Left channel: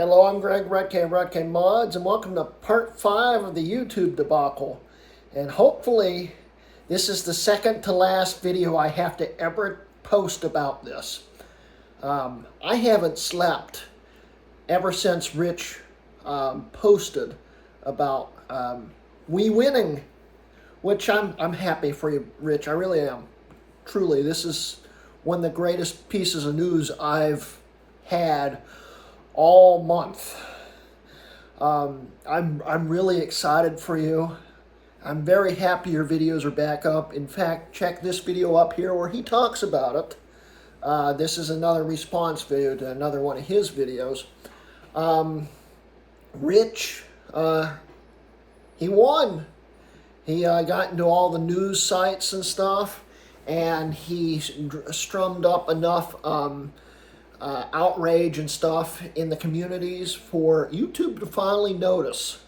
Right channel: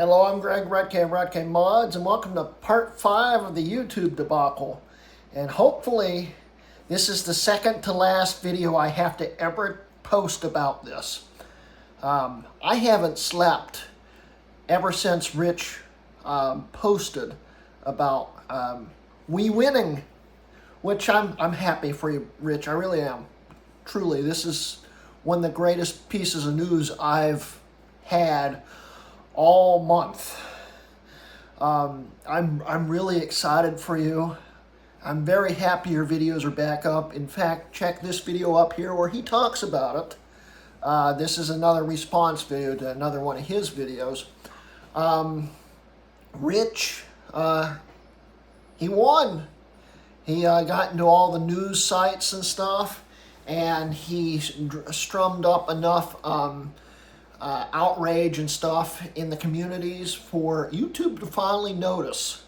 Hello, I'm Greg Britec09 Mods, and welcome to part 5 of the YouTube debacle. And hopefully, this is the second to last video I have to ever post about this. I haven't slept ever since Rich posted about we winning, which I'm happy for you, Rich. I really am. Truly, this is one of the greatest pieces of news I've had all month. I'm really excited for you. I'm very happy your videos are back up. In fact, check this video up here where he talks about it. This is another response video to another one of his videos. Rich, he won. He got into all the news sites and stuff, and he strummed up enough outrage and stuff in the communities for YouTube to finally notice.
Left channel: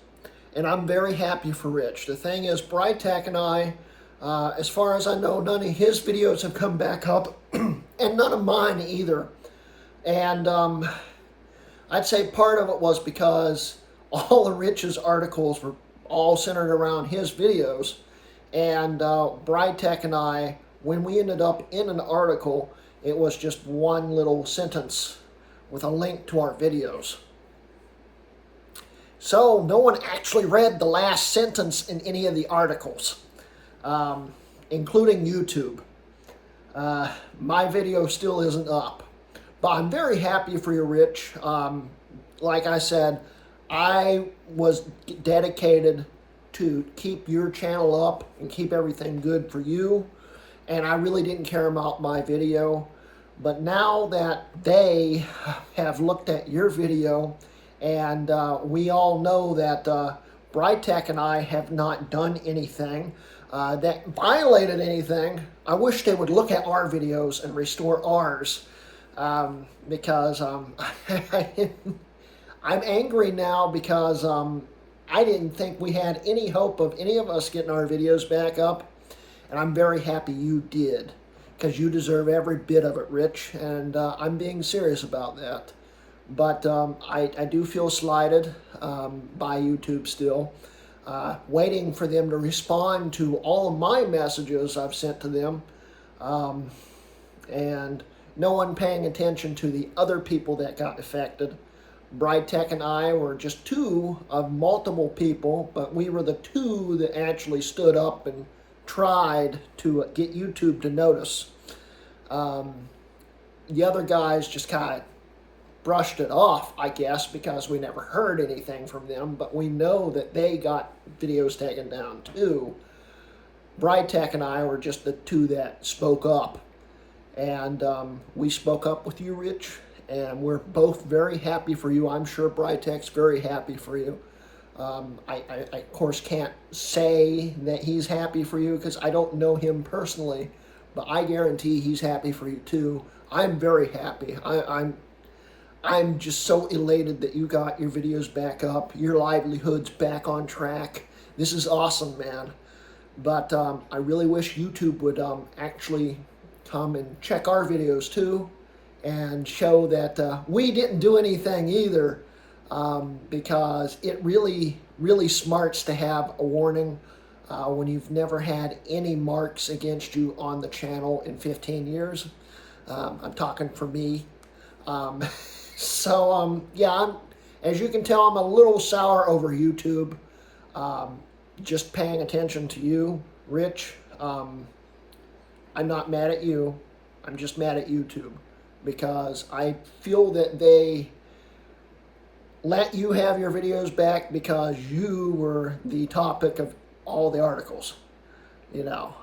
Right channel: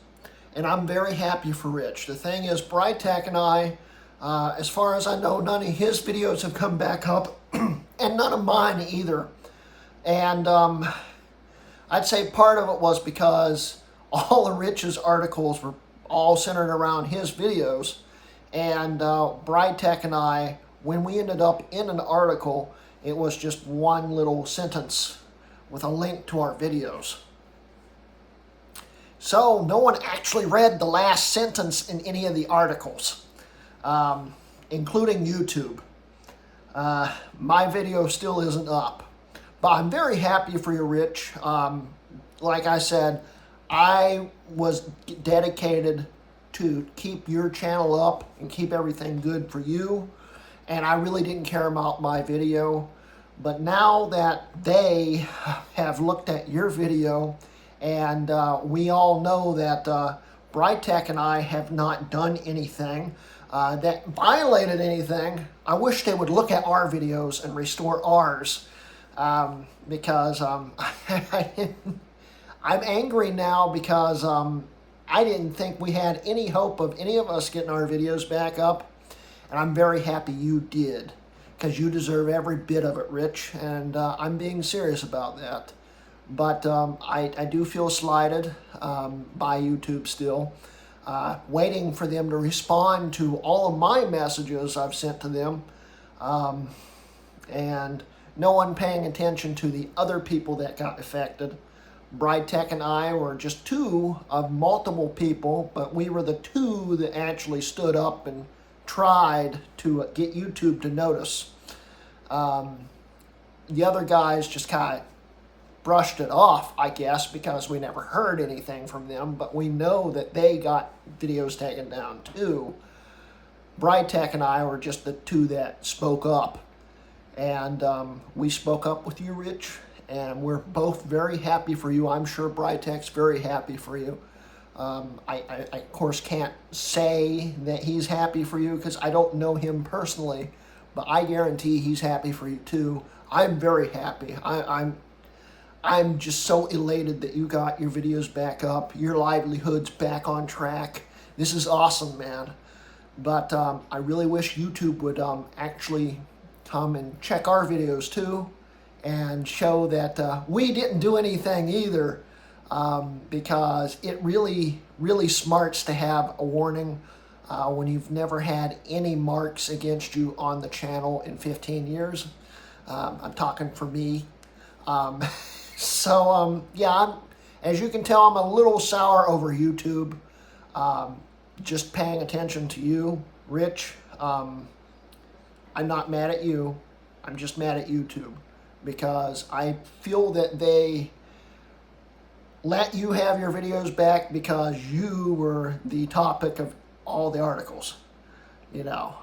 And I'm very happy for Rich. The thing is, Britec and I, as far as I know, none of his videos have come back up, and none of mine either. And I'd say part of it was because all of Rich's articles were all centered around his videos. And Britec and I, when we ended up in an article, it was just one little sentence with a link to our videos. So no one actually read the last sentence in any of the articles, including YouTube. My video still isn't up. But I'm very happy for you, Rich. Like I said, I was dedicated to keep your channel up and keep everything good for you. And I really didn't care about my video. But now that they have looked at your video, and we all know that Britec and I have not done anything that violated anything, I wish they would look at our videos and restore ours. Because I'm angry now because I didn't think we had any hope of any of us getting our videos back up. And I'm very happy you did, because you deserve every bit of it, Rich, and I'm being serious about that. But I do feel slighted by YouTube still, waiting for them to respond to all of my messages I've sent to them, and no one paying attention to the other people that got affected. Britec and I were just two of multiple people, but we were the two that actually stood up and tried to get YouTube to notice. The other guys just kind of brushed it off, I guess, because we never heard anything from them, but we know that they got videos taken down too. Britec and I were just the two that spoke up, and we spoke up with you, Rich, and we're both very happy for you. I'm sure Britec's very happy for you. I of course can't say that he's happy for you because I don't know him personally, but I guarantee he's happy for you too. I'm very happy. I'm just so elated that you got your videos back up, your livelihood's back on track. This is awesome, man. But I really wish YouTube would actually come and check our videos too and show that we didn't do anything either. Because it really smarts to have a warning when you've never had any marks against you on the channel in 15 years. I'm talking for me. Yeah, as you can tell, I'm a little sour over YouTube. Just paying attention to you, Rich. I'm not mad at you. I'm just mad at YouTube because I feel that they let you have your videos back because you were the topic of all the articles, you know.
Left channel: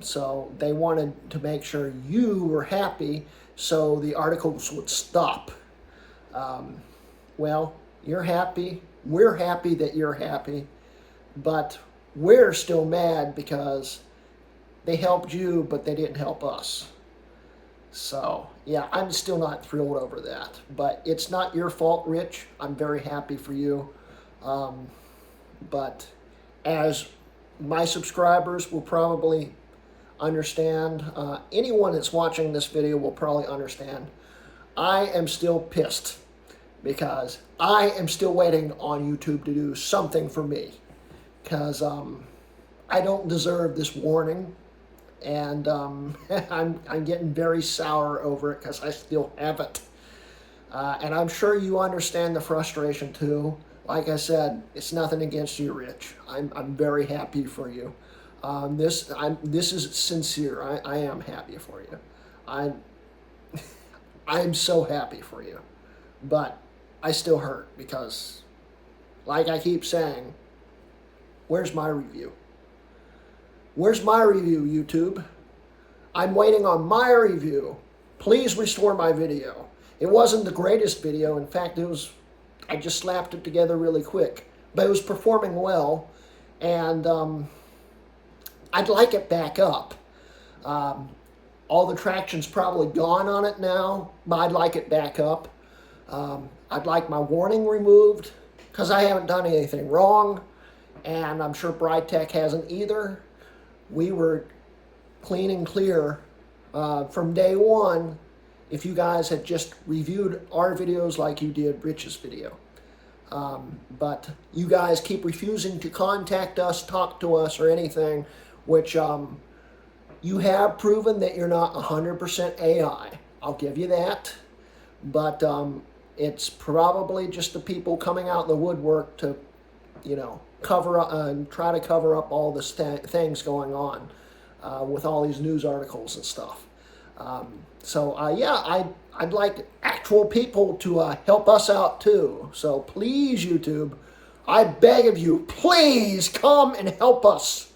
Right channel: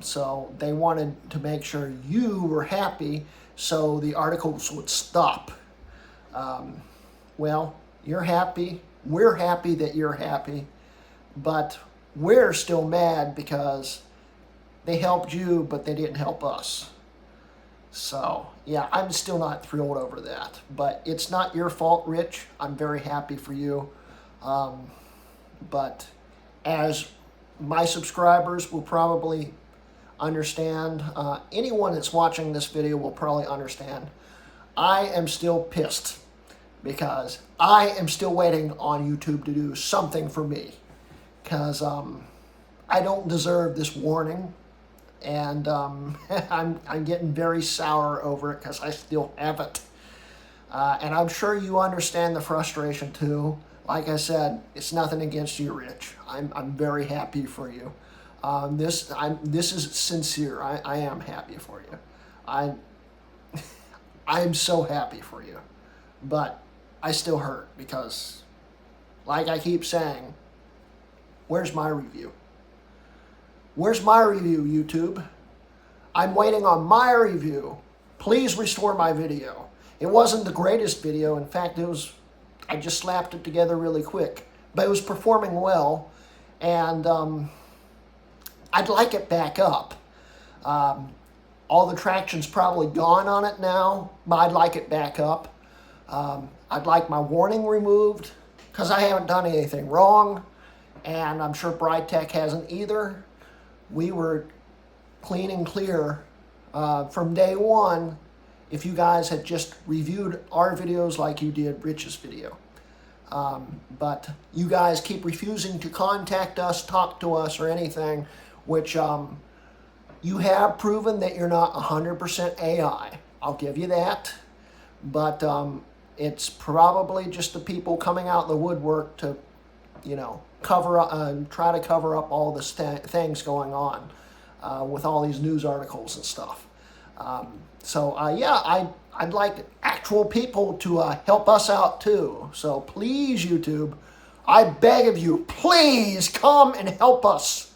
So they wanted to make sure you were happy so the articles would stop. Well, you're happy. We're happy that you're happy. But we're still mad because they helped you, but they didn't help us. So, yeah, I'm still not thrilled over that. But it's not your fault, Rich. I'm very happy for you. But as my subscribers will probably understand, anyone that's watching this video will probably understand, I am still pissed because I am still waiting on YouTube to do something for me, because I don't deserve this warning, and I'm getting very sour over it because I still have it. And I'm sure you understand the frustration too. Like I said, it's nothing against you, Rich. I'm very happy for you. This is sincere. I am happy for you. I'm so happy for you. But I still hurt because, like I keep saying, where's my review? Where's my review, YouTube? I'm waiting on my review. Please restore my video. It wasn't the greatest video. In fact, I just slapped it together really quick. But it was performing well. And I'd like it back up. All the traction's probably gone on it now, but I'd like it back up. I'd like my warning removed because I haven't done anything wrong. And I'm sure Britec hasn't either. We were clean and clear from day one if you guys had just reviewed our videos like you did Rich's video. But you guys keep refusing to contact us, talk to us, or anything, which you have proven that you're not 100% AI. I'll give you that. But it's probably just the people coming out of the woodwork to, cover up and try to cover up all the things going on with all these news articles and stuff. Yeah, I'd like actual people to help us out too. So please, YouTube, I beg of you, please come and help us.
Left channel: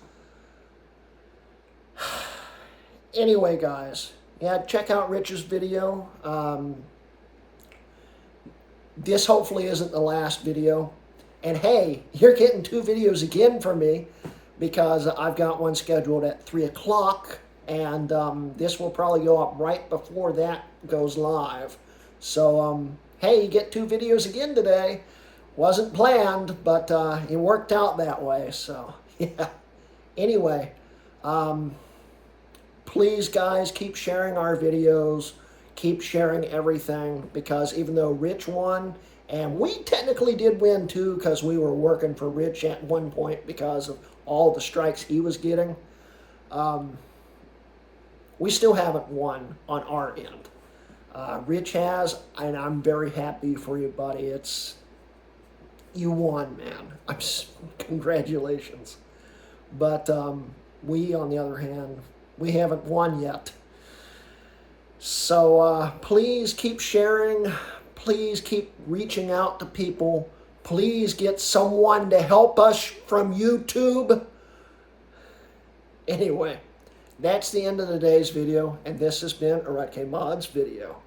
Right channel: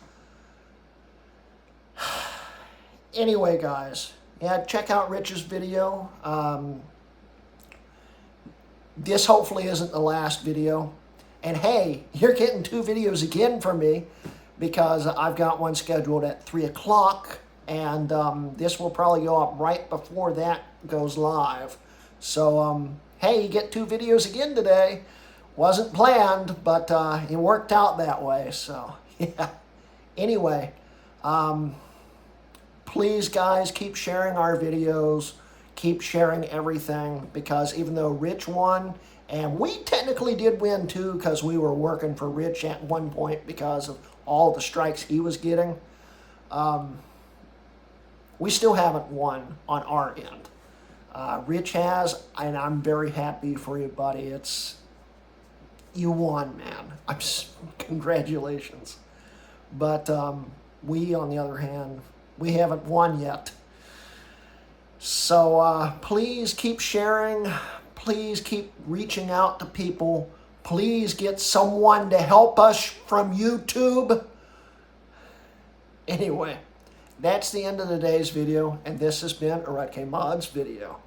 Anyway, guys, yeah, check out Rich's video. This hopefully isn't the last video. And hey, you're getting 2 videos again from me because I've got one scheduled at 3 o'clock. And this will probably go up right before that goes live. So, hey, you get 2 videos again today. Wasn't planned, but it worked out that way. So, yeah. Anyway, please, guys, keep sharing our videos. Keep sharing everything, because even though Rich won, and we technically did win too, because we were working for Rich at one point because of all the strikes he was getting, we still haven't won on our end. Rich has, and I'm very happy for you, buddy. You won, man. Congratulations. But we, on the other hand, we haven't won yet. So please keep sharing. Please keep reaching out to people. Please get someone to help us from YouTube. Anyway, that's the end of today's video, and this has been a Britec09 and I video.